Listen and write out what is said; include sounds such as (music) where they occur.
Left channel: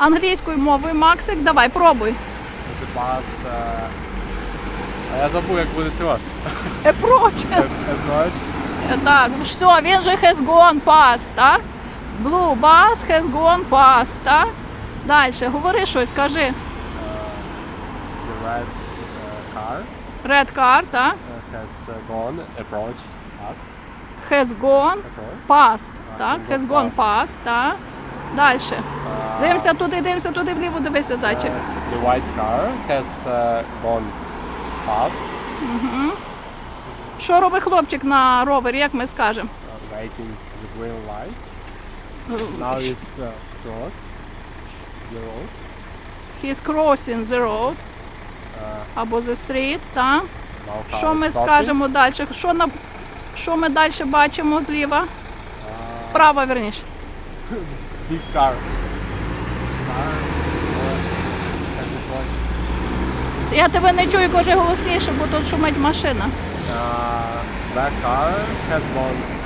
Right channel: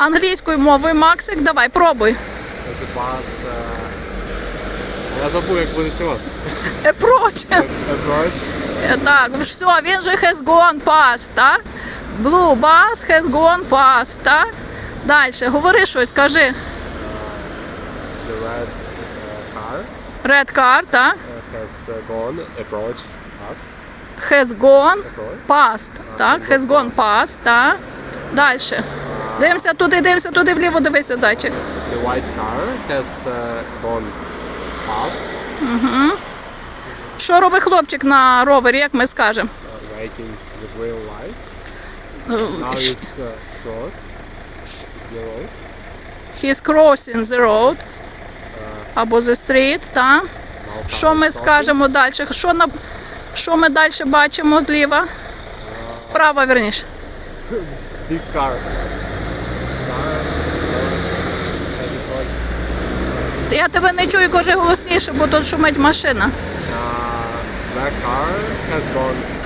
Англійською мовою, Максик, давай, пробуй. Uh... Я забув, як буде цілати. Approach. Е, Так, все, він же has gone past, так? Blue bus has gone past, так? Далі, говори щось, кажи. The red car Red car, так? has uh, gone. Approach. Us. Has gone past, так? Has gone past, так? Далі. Дивимося туди, дивимося туди, вліво дивися, зайчик. The white car has uh, gone past. Що робить хлопчик на ровері, як ми скажемо? Uh, waiting the green light. Ну, Now it's uh, cross. The road. He's crossing the road Uh, або the street, так? now car Що ми is stopping. скажемо далі? Що, на... що ми далі бачимо зліва? Справа, верніше. (laughs) Big car. Я тебе не чую, кажи голосніше, бо тут шумить машина. Uh, that car has gone